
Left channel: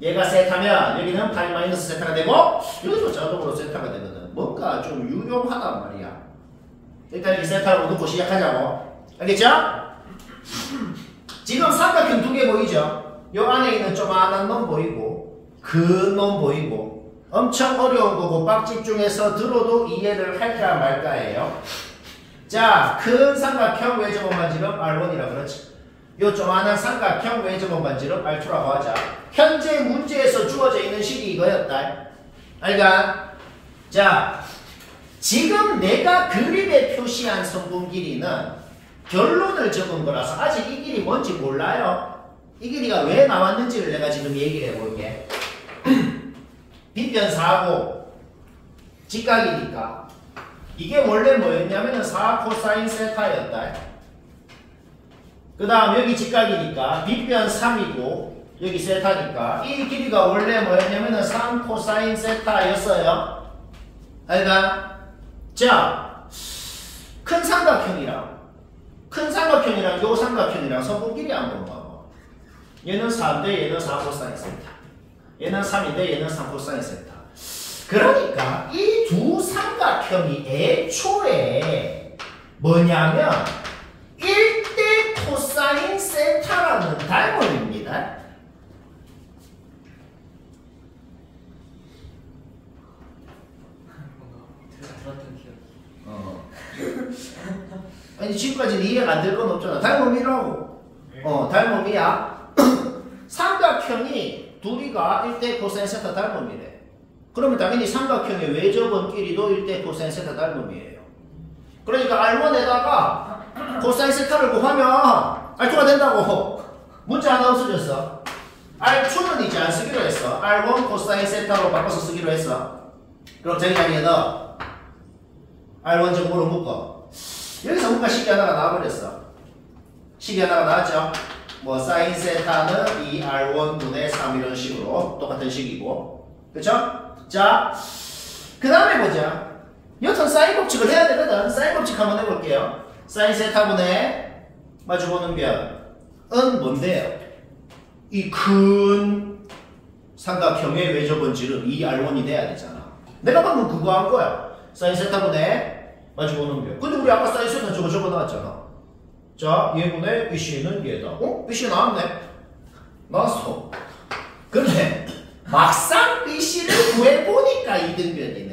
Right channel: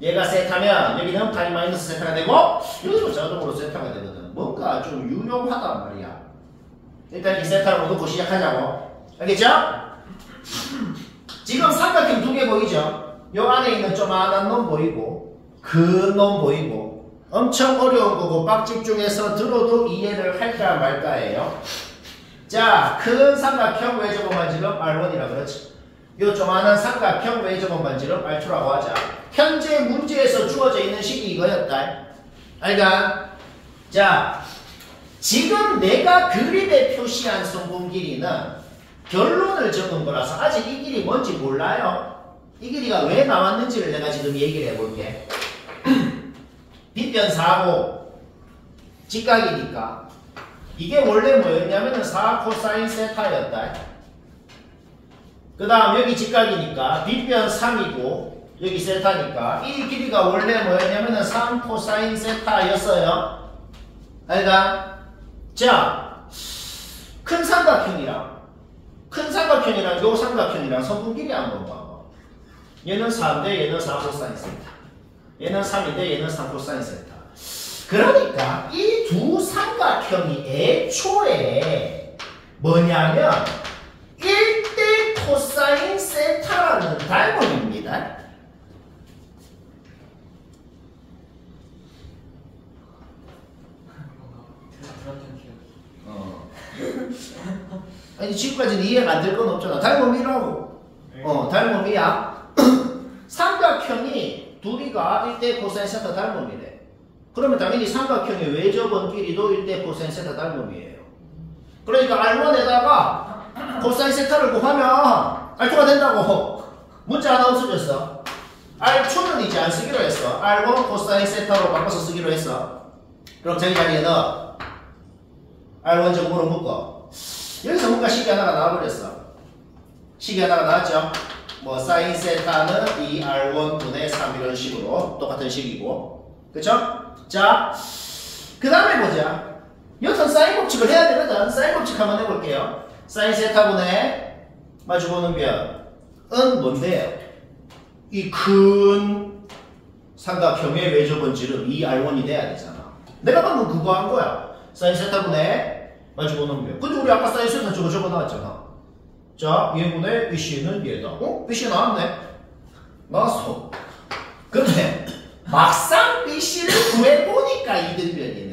얘가 세타면 여기는 파이 마이너스 세타가 되고 여기도 자동으로 세타가 되거든. 뭔가 좀 유용하단 말이야. 일단 이 세타로 놓고 시작하자고. 알겠죠? 지금 삼각형 두 개 보이죠? 요 안에 있는 조그만한 놈 보이고 큰 놈 보이고 엄청 어려운 거고 빡 집중해서 들어도 이해를 할까 말까예요. 자, 큰 삼각형 외접원 반지름 R1이라 그렇지. 요 조그만한 삼각형 외접원 반지름 R2라고 하자. 현재 문제에서 주어져 있는 식이 이거였다. 알까? 자, 지금 내가 그림에 표시한 성분 길이는 결론을 적은 거라서 아직 이 길이 뭔지 몰라요. 이 길이가 왜 나왔는지를 내가 지금 얘기를 해볼게. 빗변4고 직각이니까 이게 원래 뭐였냐면은 4 코사인 세타였다. 그 다음 여기 직각이니까 빗변 3이고 여기 세타니까 이 길이가 원래 뭐였냐면은 3 코사인 세타였어요. 그러니까 자, 큰 삼각형이랑 요 삼각형이랑 성분 길이 한번 봐봐. 얘는 4인데 얘는 4 코사인 세타. 얘는 3인데 얘는 3 코사인 세타. 그러니까 이 두 삼각형이 애초에 뭐냐면 1대 코사인 세타라는 닮음입니다. 아니 지금까지는 이해가 안 될 건 없잖아. 닮음이라고. 닮음이야. 삼각형이 둘이가 1대 코사인 세타 닮음이래. 그러면 당연히 삼각형의 외접원 길이도 1대 코사인 세타 닮음이에요. 그러니까 R1에다가 코사인 세타를 구하면 R2가 된다고. 문자 하나 없어졌어. R2는 이제 안 쓰기로 했어. R1 코사인 세타로 바꿔서 쓰기로 했어. 그럼 저기 자리에 넣어. R1 제곱으로 묶어. 여기서 뭔가 식이 하나가 나와버렸어. 식이 하나가 나왔죠? 뭐 사인 세타는 2R1분의 3 이런 식으로 똑같은 식이고, 그쵸? 자, 그 다음에 보자. 여튼 사인 법칙을 해야 되거든. 사인 법칙 한번 해볼게요. 사인 세타분의 마주보는 변은 뭔데요? 이 큰 삼각형의 외적 원질은 2R1이 돼야 되잖아. 내가 방금 그거 한 거야. 사인 세타분의 마주보는 변. 근데 우리 아까 사인 세타 저거 나왔잖아. 자, 얘분의 BC는 얘다. 어? BC 나왔네? 나왔어. 근데 막상 BC를 구해보니까 이등변이네.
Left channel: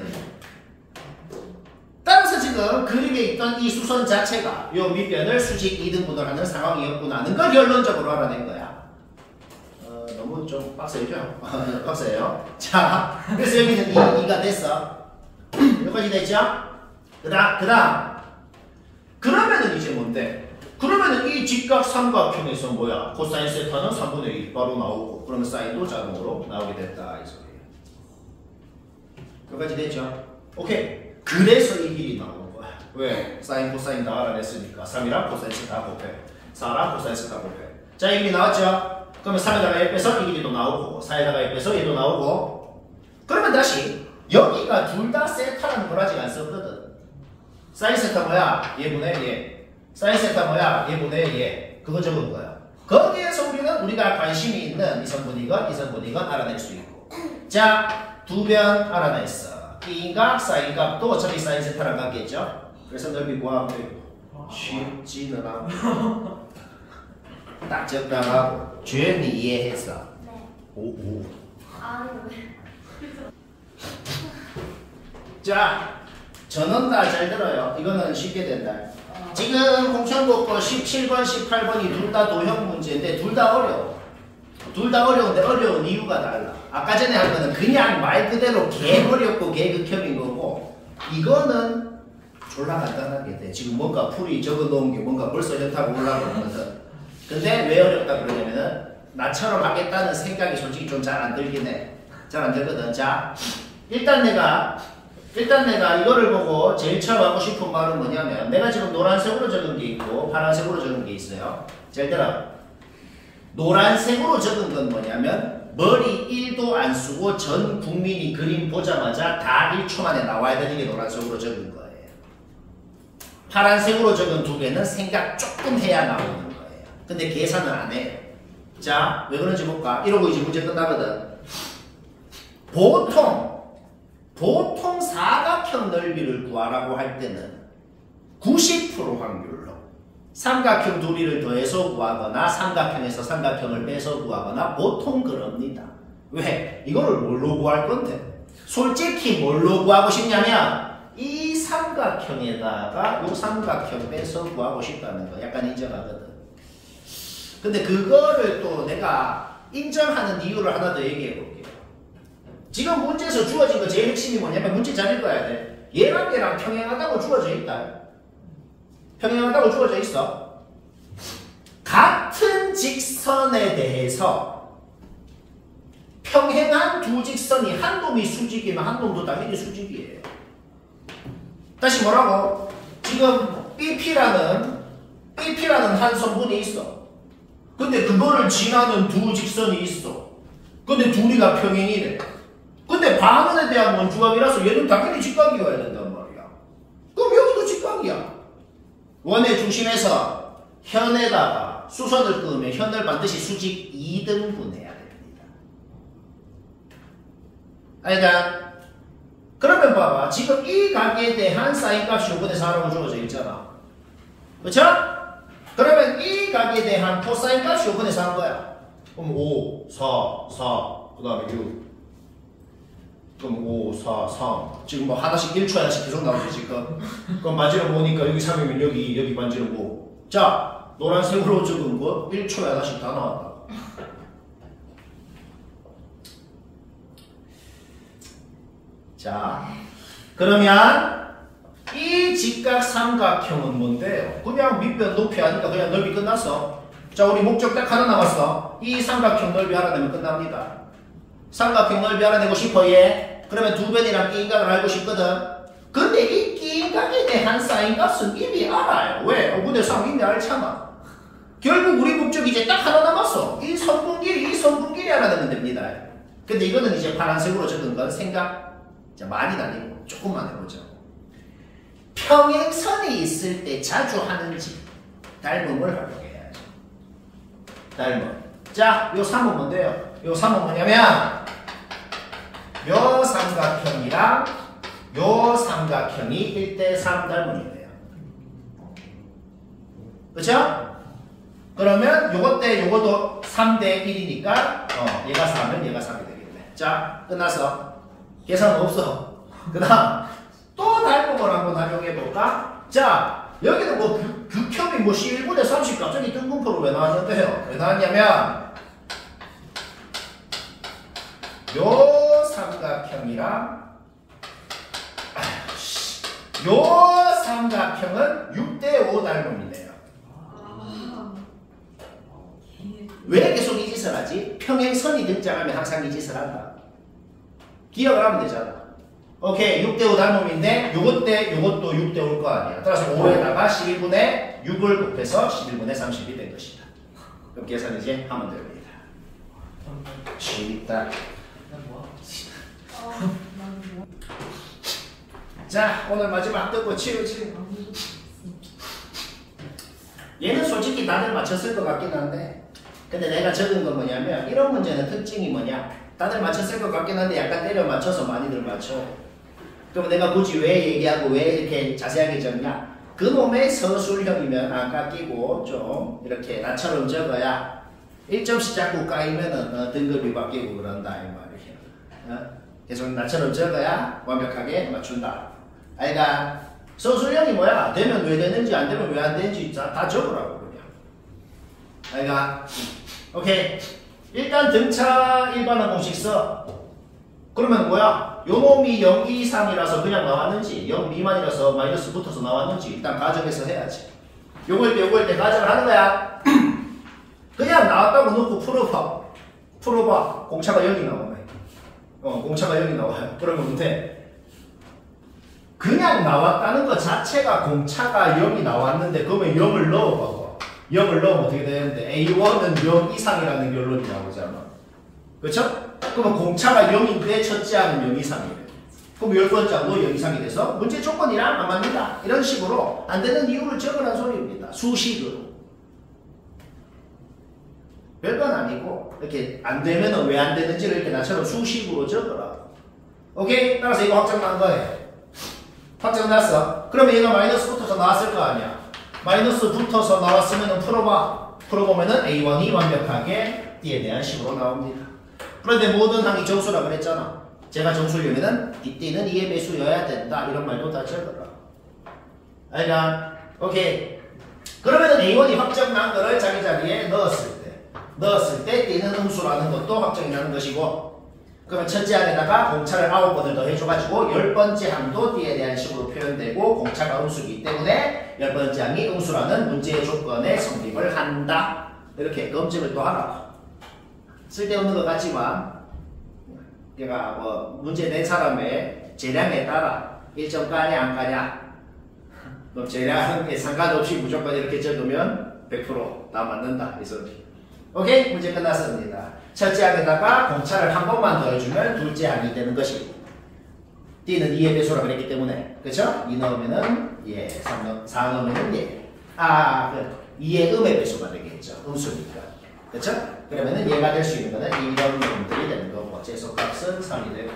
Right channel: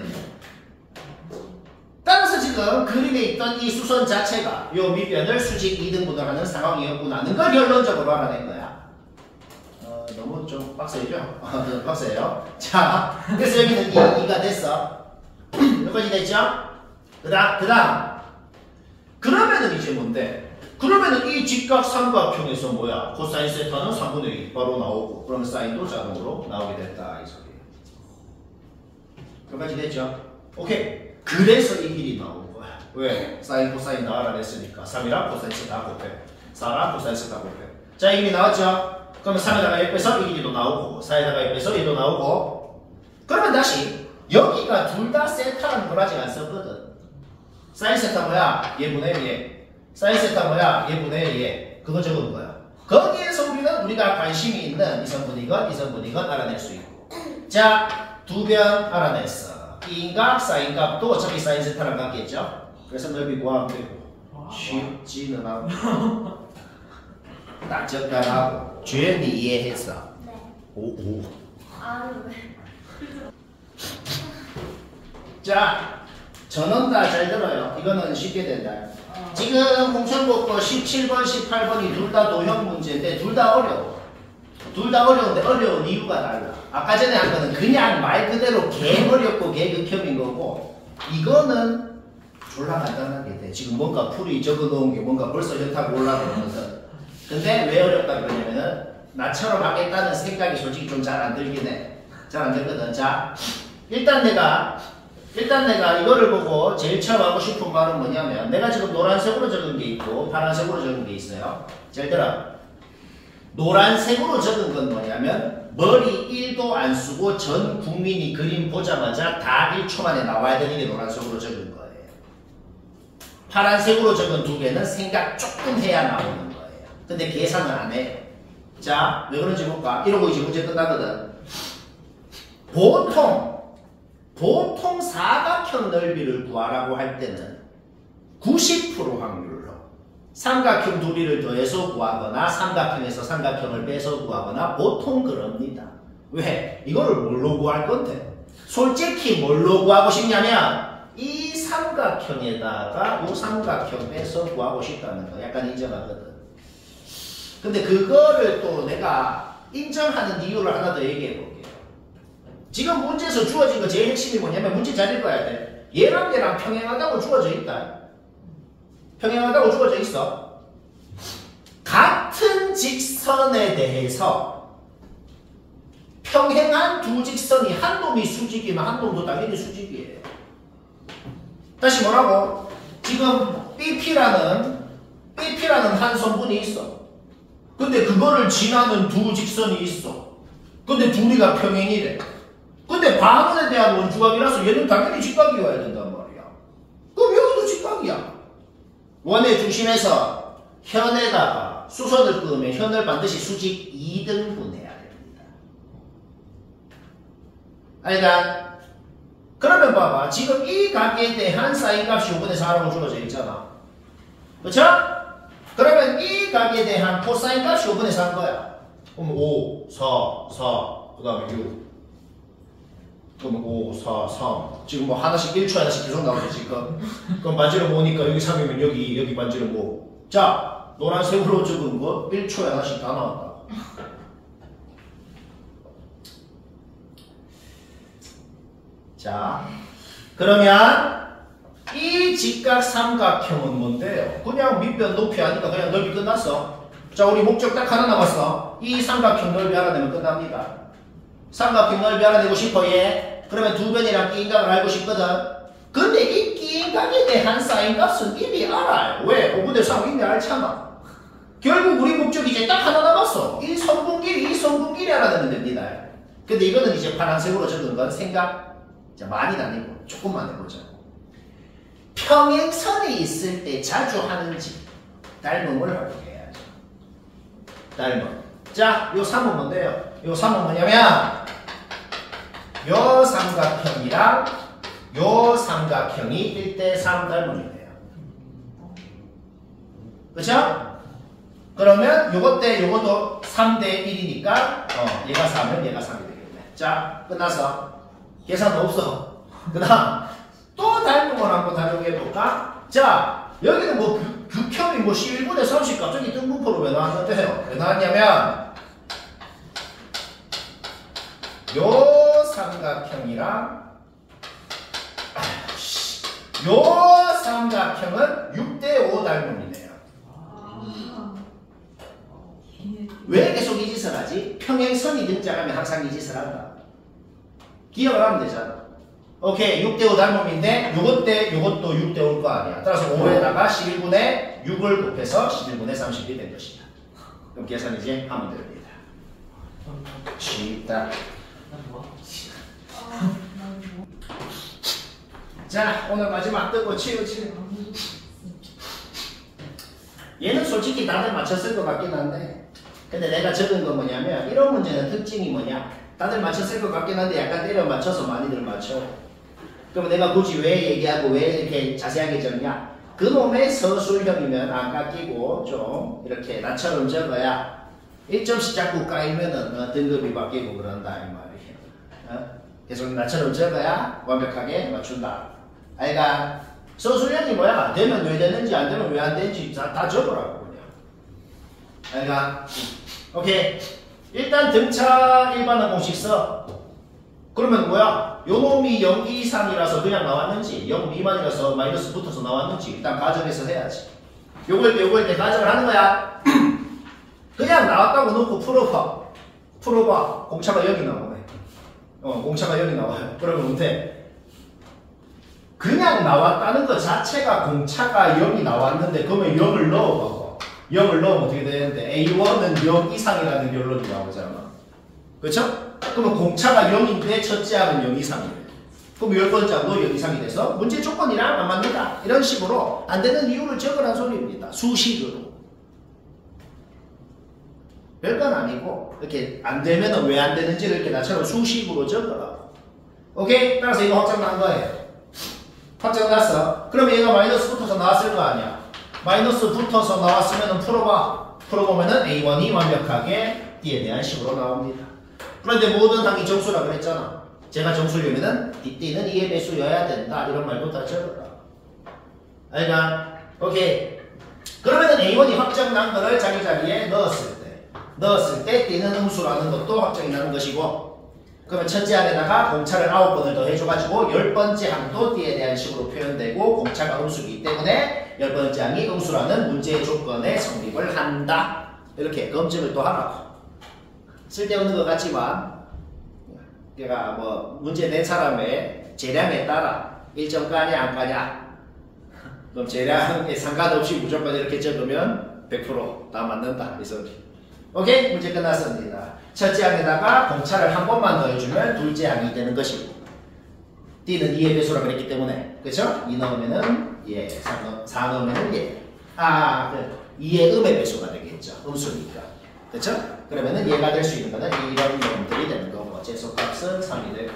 따라서 지금 그림에 있던 이 수선 자체가 요 밑변을 수직 2등분을 하는 상황이었구나는 걸 결론적으로 알아낸 거야. 너무 좀 빡세죠? 빡세요. 자, 그래서 여기는 2가 됐어. 여기까지 됐죠? 그 다음. 그러면은 이제 뭔데? 그러면은 이 직각 삼각형에서 뭐야? 코사인 세타는 3분의 2 바로 나오고, 그러면 사인도 자동으로 나오게 됐다. 이 소리예요. 여기까지 됐죠? 오케이. 그래서 이 길이 나온 거야. 왜? 사인, 코사인 다 알아냈으니까. 3이랑 코사인 세타 곱해. 4랑 코사인 세타 곱해. 자, 이 길이 나왔죠? 그러면 3에다가 1 빼서 이 길이도 나오고, 4에다가 1 빼서 얘도 나오고. 그러면 다시 여기가 둘 다 세타라는 걸 아직 안 썼거든. 사인 세타 뭐야? 얘분의 얘. 사인 세타 뭐야? 얘분의 얘. 그거 적은 거야. 거기에서 우리는 우리가 관심이 있는 이성분이건 이성분이건 알아낼 수 있고. 자, 두 변 알아냈어. B값, 사인값도 어차피 사인 세타랑 같겠죠? 그래서 넓이 구하면 되고. 쉽지는 않고. 딱 적당하고. 주연이 이해했어? 네. 오. 아, 자, 저는 다 잘 들어요. 이거는 쉽게 된다. 지금 공천국고 17번, 18번이 둘 다 도형 문제인데 둘 다 어려워. 둘 다 어려운데 어려운 이유가 달라. 아까 전에 한 거는 그냥 말 그대로 개 어렵고 개극혐인 거고, 이거는 졸라 간단하게 돼. 지금 뭔가 풀이 적어놓은 게 뭔가 벌써 좋다고 올라오거든. 근데 왜 어렵다 그러냐면은 나처럼 하겠다는 생각이 솔직히 좀 잘 안 들긴 해. 잘 안 들거든. 자, 일단 내가 이거를 보고 제일 처음 하고 싶은 말은 뭐냐면, 내가 지금 노란색으로 적은 게 있고 파란색으로 적은 게 있어요. 잘 들어. 노란색으로 적은 건 뭐냐면 머리 1도 안 쓰고 전 국민이 그림 보자마자 다 1초 만에 나와야 되는 게 노란색으로 적은 거예요. 파란색으로 적은 두 개는 생각 조금 해야 나오는 거예요. 근데 계산을 안 해. 자, 왜 그런지 볼까? 이러고 이제 문제 끝나거든. 보통 사각형 넓이를 구하라고 할 때는 90% 확률로 삼각형 둘이를 더해서 구하거나 삼각형에서 삼각형을 빼서 구하거나 보통 그럽니다. 왜? 이거를 뭘로 구할 건데? 솔직히 뭘로 구하고 싶냐면 이 삼각형에다가 이 삼각형 빼서 구하고 싶다는 거 약간 인정하거든. 근데 그거를 또 내가 인정하는 이유를 하나 더 얘기해 볼게요. 지금 문제에서 주어진 거 제일 핵심이 뭐냐면 문제 잘 읽어야 돼. 얘랑 얘랑 평행하다고 주어져 있다. 평행하다고 주어져 있어. 같은 직선에 대해서 평행한 두 직선이 한 놈이 수직이면 한 놈도 당연히 수직이에요. 다시 뭐라고? 지금 BP라는 한 선분이 있어. 근데 그거를 지나는 두 직선이 있어. 근데 둘이가 평행이래. 근데 반원에 대한 원주각이라서 얘는 당연히 직각이어야 된단 말이야. 그럼 여기도 직각이야. 원의 중심에서 현에다가 수선을 끄면 현을 반드시 수직 2등분해야 됩니다. 알겠다? 그러면 봐봐. 지금 이 각에 대한 사인값이 5분의 4라고 주어져 있잖아. 그쵸? 그러면 이 각에 대한 코사인값이 5분의 4인 거야. 그럼 5, 4, 그 다음에 6. 그럼 5, 4, 3. 지금 뭐 하나씩 1초 하나씩 계속 나오죠 지금. 그럼 만지러 보니까 여기 3이면 여기 만지러 보. 자, 노란색으로 적은 거 1초에 하나씩 다 나왔다. 자, 그러면 이 직각 삼각형은 뭔데요? 그냥 밑변 높이 하니까 그냥 넓이 끝났어. 자, 우리 목적 딱 하나 남았어. 이 삼각형 넓이 알아내면 끝납니다. 삼각형 넓이 알아내고 싶어 얘. 그러면 두 변이랑 이 인각을 알고 싶거든. 근데 이 끼인각에 대한 사인값은 이미 알아요. 왜? 5분의 3 이미 알잖아. 결국 우리 목적이 이제 딱 하나 남았어. 이 성분끼리 알아내면 됩니다. 근데 이거는 이제 파란색으로 적은 건 생각 많이 다니고 조금만 해보자. 평행선이 있을 때 자주 하는지 닮음을 활용해야죠. 닮음. 자, 요 3은 뭔데요? 요 3은 뭐냐면 요 삼각형이랑 요 삼각형이 1대3 닮음이에요. 그쵸? 그러면 요것 대 요것도 3대 1이니까 얘가 4면 얘가 3이 되겠네. 자, 끝났어. 계산 없어. 그 다음 또 닮음을 한번 활용해볼까? 자, 여기는 뭐 극혐이 뭐 C1분의 30 갑자기 등분포로 왜 나왔는데요? 왜 나왔냐면 요 삼각형이랑 요 삼각형은 6대5 닮음이네요. 왜 계속 이 짓을 하지? 평행선이 등장하면 항상 이 짓을 한다. 기억을 하면 되잖아. 오케이, 6대5 닮음인데 요것도 6대5일 거 아니야. 따라서 5에다가 11분의 6을 곱해서 11분의 30이 된 것이다. 그럼 계산 이제 하면 됩니다. 쉽다. 자, 오늘 마지막 뜨고 치우치. 얘는 솔직히 다들 맞췄을 것 같긴 한데, 근데 내가 적은 건 뭐냐면 이런 문제는 특징이 뭐냐, 다들 맞췄을 것 같긴 한데 약간 때려 맞춰서 많이들 맞춰. 그럼 내가 굳이 왜 얘기하고 왜 이렇게 자세하게 적냐, 그놈의 서술형이면 안 깎이고 좀 이렇게 나처럼 적어야 1점씩 자꾸 까이면은 등급이 바뀌고 그런다 이 말이야. 계속 나처럼 적어야 완벽하게 맞춘다. 그러니까 서술형이 뭐야? 되면 왜 되는지 안 되면 왜 안 되는지 다 적으라고 그냥. 그러니까 오케이, 일단 등차 일반항 공식 써. 그러면 뭐야? 요 놈이 0 이상이라서 그냥 나왔는지 0 미만이라서 마이너스 붙어서 나왔는지 일단 가정해서 해야지. 요걸 때 가정을 하는 거야. 그냥 나왔다고 놓고 풀어봐. 공차가 여기 나오네. 공차가 여기 나와요. 그러면 못해. 그냥 나왔다는 것 자체가 공차가 0이 나왔는데 그러면 0을 넣어봐봐. 0을 넣으면 어떻게 되는데 A1은 0 이상이라는 결론이 나오잖아. 그쵸? 그러면 공차가 0인데 첫째 항은 0 이상이래. 그럼 10번째 항도 0 이상이 돼서 문제 조건이랑 안 맞는다. 이런 식으로 안 되는 이유를 적으란 소리입니다. 수식으로. 별건 아니고 이렇게 안 되면은 왜 안 되는지를 이렇게 나처럼 수식으로 적으라고. 오케이? 따라서 이거 확정난 거예요. 확정났어. 그러면 얘가 마이너스 붙어서 나왔을 거 아니야. 마이너스 붙어서 나왔으면 풀어보면은 A1이 완벽하게 D에 대한 식으로 나옵니다. 그런데 모든 항이 정수라 그랬잖아. 제가 정수려면은 D는 2의 배수여야 된다. 이런 말도 다 적어라. 알겠나? 오케이. 그러면은 A1이 확정난 거를 자기 자리에 넣었을 때 D는 음수라는 것도 확정이 나는 것이고, 그러면 첫째 항에다가 공차를 9번을 더 해줘가지고 10번째 항도 D에 대한 식으로 표현되고 공차가 음수이기 때문에 10번째 항이 음수라는 문제의 조건에 성립을 한다. 이렇게 검증을 또 하라고. 쓸데없는 것 같지만 얘가 뭐 문제 낸 사람의 재량에 따라 1점 까냐 안 까냐, 그럼 재량에 상관없이 무조건 이렇게 적으면 100% 다 맞는다 이 소리. 오케이? 문제 끝났습니다. 첫째 항에다가 공차를 한 번만 더 해주면 둘째 항이 되는 것이고, D는 2의 배수라 그랬기 때문에, 그쵸? 2 넣으면은 예, 4 넣으면은 예. 2의 음의 배수가 되겠죠. 음수니까. 그쵸? 그러면은 얘가 될 수 있는 거는 이런 놈들이 되는 거고, 재수값은 3이 되고.